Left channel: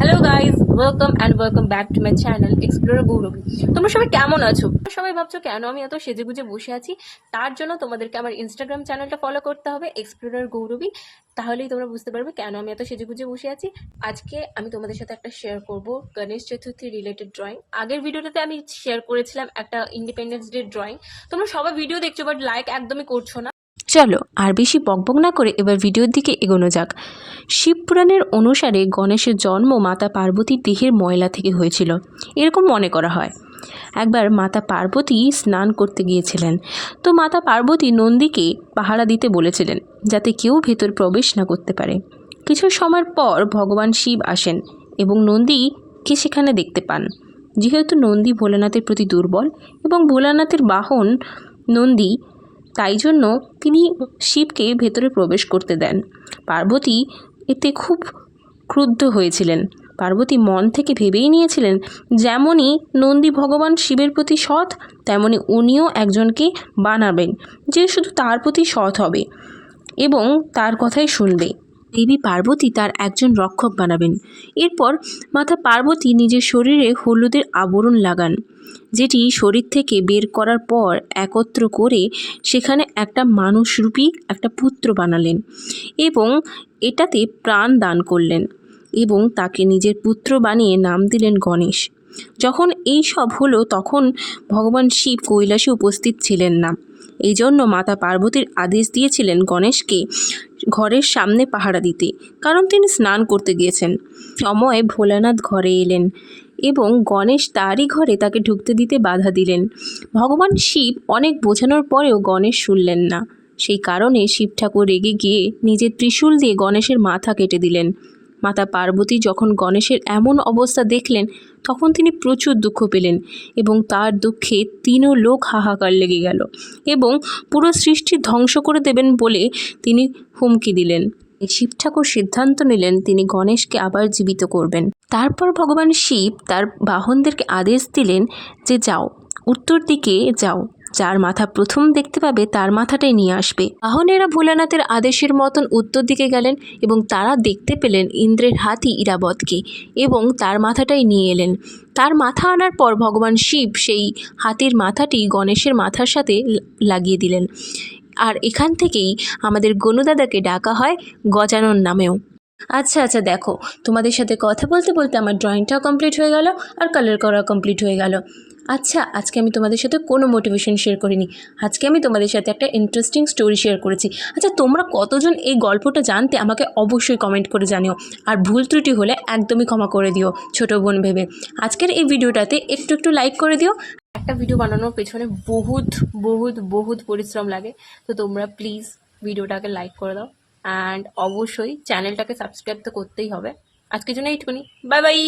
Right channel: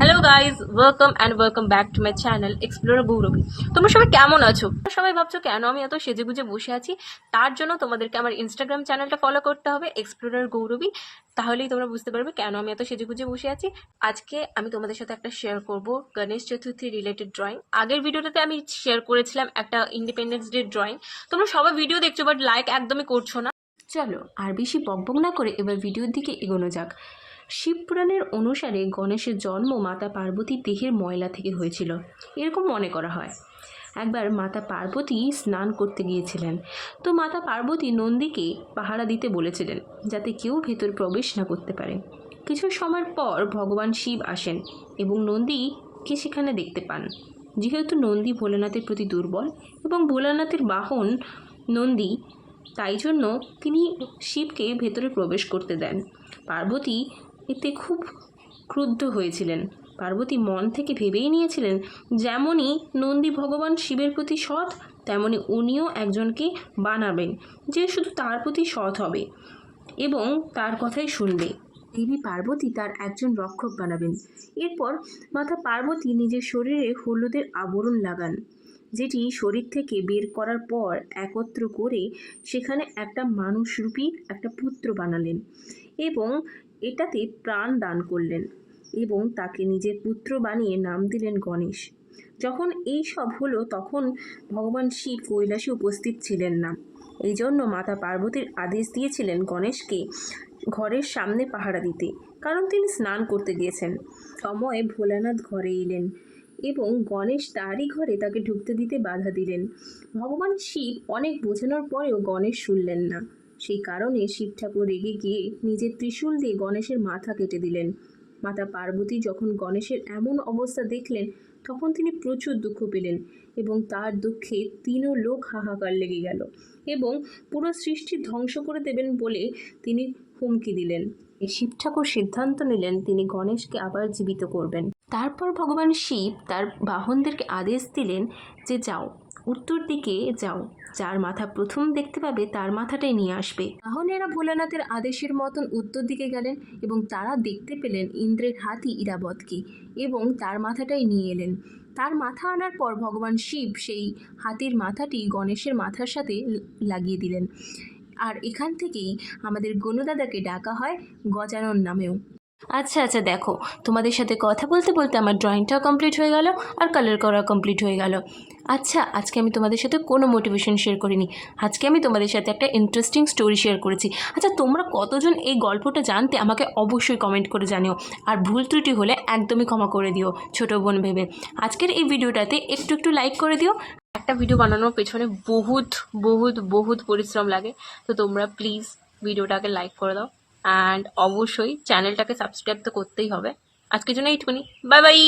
Hello guys, welcome back to my channel explorer Gauravi. তোমরা সবাই কেমন আছো? সবাই ভাবছো কেন আমি এত সেজেগুজে বসে আছি। তার জন্য তোমাদেরকে আমার ইনস্টাগ্রাম চ্যানেলটা ফলো করতে হবে, এক্সপ্লোরার গৌরবী। তাহলেই তোমরা বুঝতে পারবে কেন আমি এত সেজেগুজে বসে আছি। আজকে আমি তোমাদের সাথে একটা শেয়ার করব গণেশ চতুর্থী রিলেটেড ড্রয়িং। আগের ভিডিওটাতে আমি শেয়ার করেছিলাম একটা ইন্ডিপেন্ডেন্স ডে ড্রয়িং। তোমরা সবাই ভিডিও দেখছো বাট লাইক একদমই করছো না। চলো আর বেশি বকবক না করে এবার ভিডিওর দিকে এগোনো যাক। শিবপুরাণের অনুসারে গণেশের জন্ম মাতা পার্বতীর দেহের ময়লা থেকে হয়েছিল, এরকম মনে করা হয়। একবার মাতা পার্বতী স্নান করতে গিয়েছিলেন, তো মাতা পার্বতী নন্দীকে পাহারা দিতে বলেছিলেন যাতে কেউ ভেতর প্রবেশ না করতে পারে। কিছু সময় পর ভগবান শিব আসেন এবং নন্দীকে সেখানে দেখতে পান। যেহেতু নন্দী ভোলানাথের প্রতি দুর্বল এবং ভোলানাথের বাহন নন্দী, তাই জন্য তিনি শিবকে ভেতরে প্রবেশ করতে দেন। পার্বতী এতে খুব ক্রুদ্ধ হয়েছিলেন। পার্বতী মন থেকে ভেবেই নিয়েছিলেন যেমনই নন্দী ভগবান শিবের প্রতি সৎ, তেমনি উনিও একজনকে বানাবেন যে শুধু তার প্রতি সৎ হবে এবং তার কথাই শুনবে। দেবী পার্বতী তার একজন রক্ষক বানাবেন। এরপর মাতা পার্বতী নিজের শরীরে হলুদের আবরণ লাগান, যেটি শরীর থেকে বের করার পর একত্র করে সেখানে একটা মানুষরূপী একটা পুত্র বানালেন এবং এটাতে প্রাণ দান করলেন এবং তাকে নিজের পুত্র বানিয়ে নাম দিলেন গণেশ। যখন এই সব হলো তখন ভগবান শিব কৈলাসে উপস্থিত ছিলেন না। এই জন্য মাতা পার্বতীর আদেশ দিয়েছিলেন গণেশকে ঘরের সামনে পাহারা দিতে, কারণ তিনি স্নান করতে গিয়েছেন। সময় ভোলানাথ ঘরে এলেন এবং গণেশ তারই ঘরে তাকে ঢুকতে দিতে বাধা দিলেন। ভগবান শিব অনেক বোঝানোর পরেও গণেশ শুনলেন না। সেই কারণে শিব ঠাকুর রেগে গিয়ে নিজের ত্রিশূল দিয়ে গণেশের মাথা কেটে দিলেন। মাতা পার্বতী যখন গণেশের এমন অবস্থা দেখলেন তখন তিনি প্রচুর দুঃখ পেলেন এবং তার দুঃখে তিনও লোক হাহাকার লেগে গেল এবং পুরো সৃষ্টি ধ্বংস করে দেবেন বলে তিনি হুমকি দিলেন। শিব ঠাকুর সিদ্ধান্ত নিলেন তিনি গণেশকে আবার জীবিত করবেন। তারপর ভগবান শিব তার বাহনদেরকে আদেশ দিলেন যে যাও, উত্তর দিকে যাও, যার মাথা প্রথম দেখতে পাবে তার মাথাটাই নিয়ে আসবে। বাহনেরা ভোলানাথের আদেশের মতন উত্তর দিকে গেলেন এবং তারা দেখতে পেলেন ইন্দ্রের হাতি ইরাবতকে এবং তার মাথাটাই নিয়ে এলেন। তার মাথা আনার পর ভগবান শিব সেই হাতির মাথাটি গণেশের মাথার সাথে লাগিয়ে দিলেন। আর এখান থেকেই আমাদের গনুদাদাকে ডাকা হয় গজানন নামেও। আচ্ছা দেখো, তোমাদের সাথে কথা বলতে বলতে আমার ড্রয়িংটাও কমপ্লিট হয়ে গেল আর কালার করা কমপ্লিট হয়ে গেল। আচ্ছা, আজকে আমি তোমাদের সাথে কোনো মোটিভেশন শেয়ার করিনি। আজকে আমি তোমাদের সাথে একটা ইন্টারেস্টিং স্টোরি শেয়ার করেছি। আচ্ছা, তোমরা কতজন এই গল্পটা জানতে আমাকে অবশ্যই কমেন্ট করে জানিও, আর ভুল ত্রুটি হলে একদমই ক্ষমা করে দিও ছোটো বোন ভেবে। আজকের এই ভিডিওটাতে একটু লাইক করে দিও। একটা ভিডিও বানানোর পেছনে বহুত পরিশ্রম লাগে, তো তোমরা প্লিজ ভিডিওটাকে লাইক করে দাও অ্যান্ড অবশ্যই চ্যানেলটাকে সাবস্ক্রাইব তো করতেই হবে। আজকের জন্য এইটুকুনি, বাই বাই।